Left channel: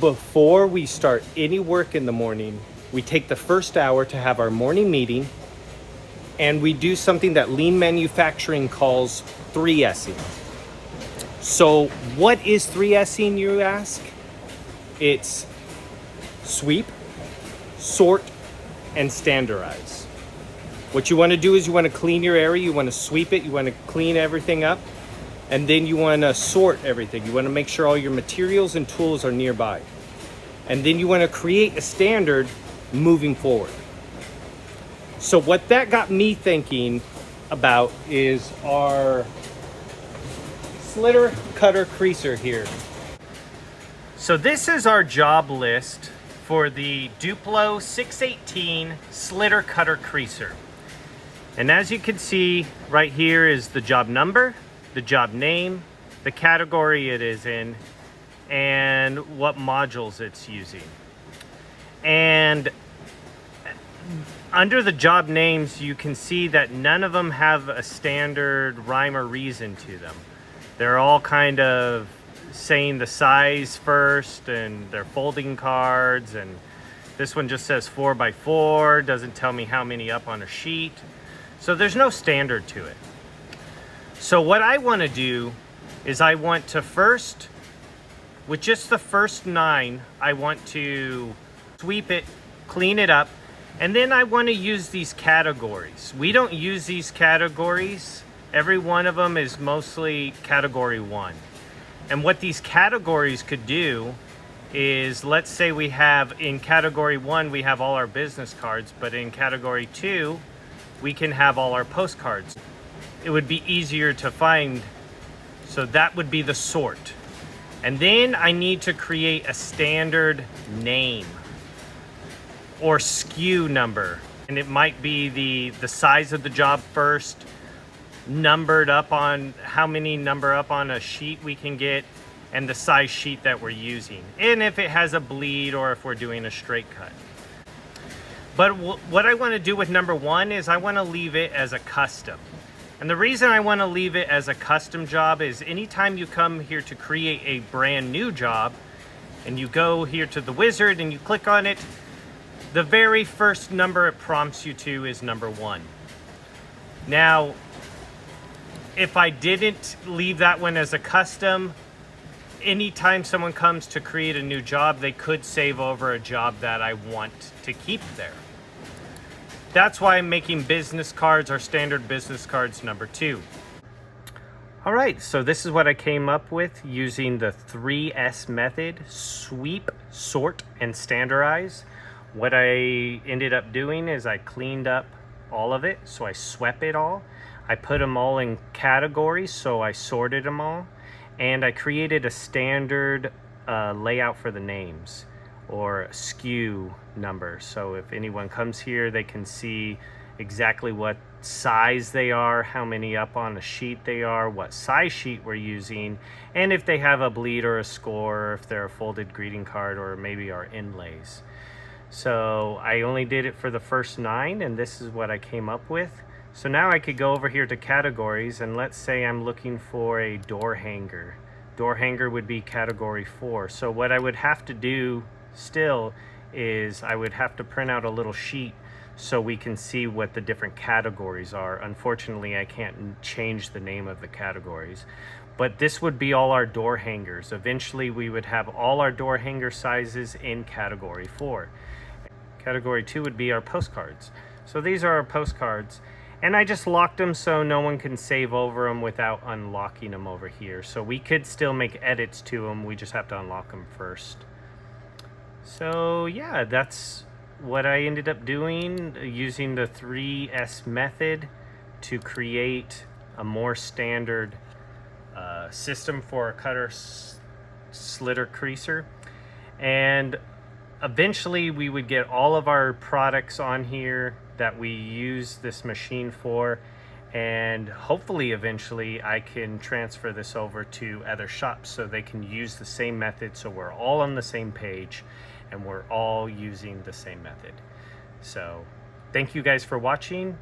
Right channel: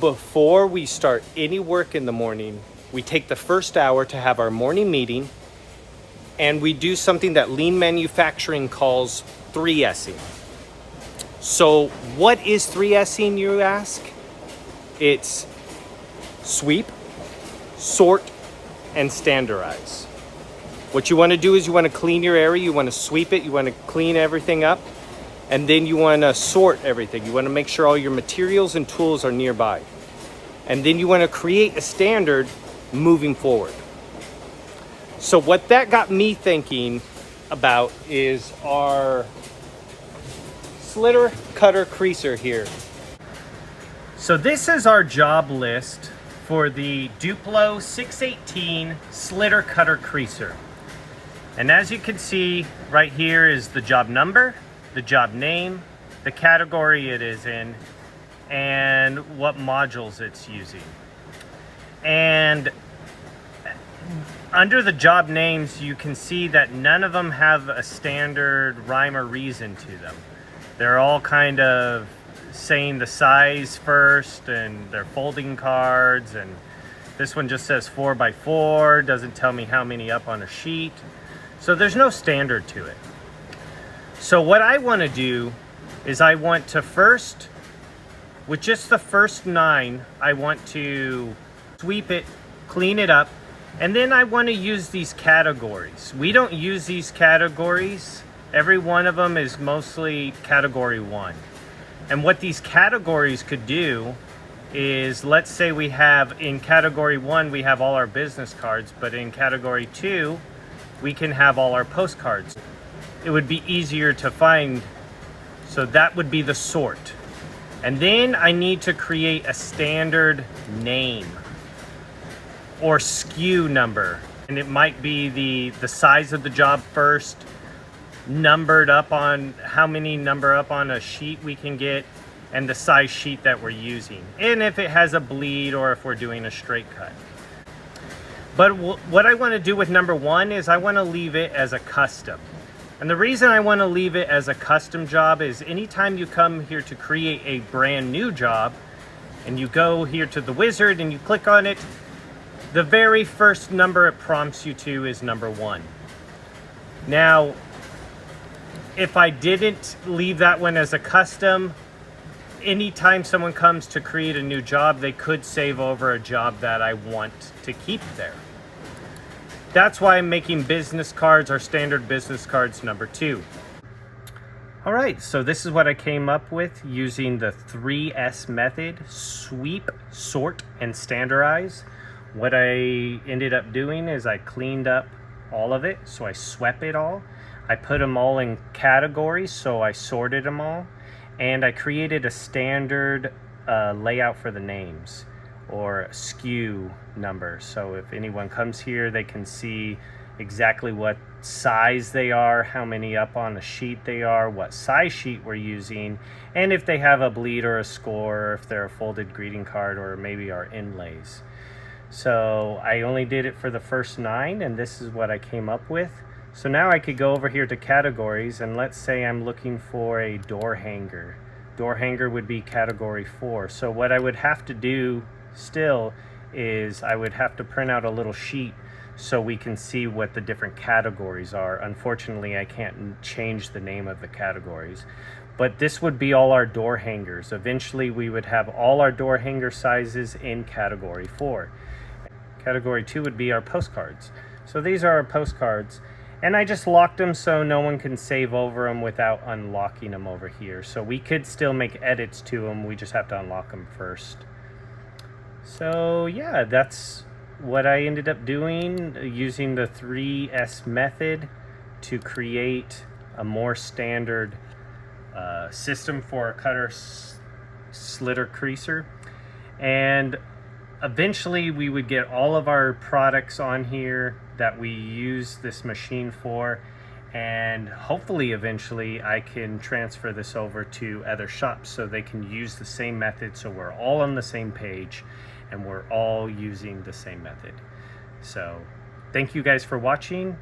Before we start any work in the morning, we take the first hour to have our morning meeting, and we do something that lean manufacturing calls 3S'ing. So what is 3S'ing, you ask? It's sweep, sort, and standardize. What you want to do is you want to clean your area, you want to sweep it, you want to clean everything up, and then you want to sort everything. You want to make sure all your materials and tools are nearby. And then you want to create a standard moving forward. So what that got me thinking about is our slitter cutter creaser here. So this is our job list for the Duplo 618 slitter cutter creaser. And as you can see right here is the job number, the job name, the category it is in, and what modules it's using. And under the job names, you can see that none of them have a standard rhyme or reason to them. They're all kind of saying the size first, and they're folding cards, and this one just says 4x4, doesn't tell me how many up on a sheet. So there's no standard to it. So what I want to do is I want to first, with just the first 9, I want to sweep it, clean it up, and then I want to use these categories. We don't use these categories. Every one of them is mostly category 1. And what these categories could do is, let's say we have in category 1, we have all our business cards, but in category 2, we can have all our postcards. It would be easier to find, so that would be the sort. And then I need to create a standard name or SKU number. And it might be the size of the job first, numbered up on how many number up on a sheet we can get, and the size sheet that we're using. And if it has a bleed or if we're doing a straight cut. But what I want to do with number 1 is I want to leave it as a custom. And the reason I want to leave it as a custom job is anytime you come here to create a brand new job and you go here to the wizard and you click on it, the very first number it prompts you to is number 1. Now, if I didn't leave that one as a custom, anytime someone comes to create a new job, they could save over a job that I want to keep there. That's why I'm making business cards or standard business cards number 2. All right, so this is what I came up with using the 3S method: sweep, sort, and standardize. What I ended up doing is I cleaned up all of it, so I swept it all. I put them all in categories, so I sorted them all. And I created a standard layout for the names, or SKU number. So if anyone comes here, they can see exactly what size they are, how many up on a sheet they are, what size sheet we're using, and if they have a bleed or a score, or if they're a folded greeting card, or maybe our inlays. So I only did it for the first 9, and this is what I came up with. So now I could go over here to categories, and let's say I'm looking for a door hanger. Door hanger would be category 4. So what I would have to do still is I would have to print out a little sheet so we can see what the different categories are. Unfortunately, I can't change the name of the categories. But this would be all our door hangers. Eventually, we would have all our door hanger sizes in category 4. Category 2 would be our postcards. So these are our postcards. And I just locked them so no one can save over them without unlocking them over here. So we could still make edits to them. We just have to unlock them first. So yeah, that's what I ended up doing, using the 3S method to create a more standard system for a cutter slitter creaser. And eventually we would get all of our products on here that we use this machine for, and hopefully eventually I can transfer this over to other shops so they can use the same method, so we're all on the same page and we're all using the same method. So thank you guys for watching.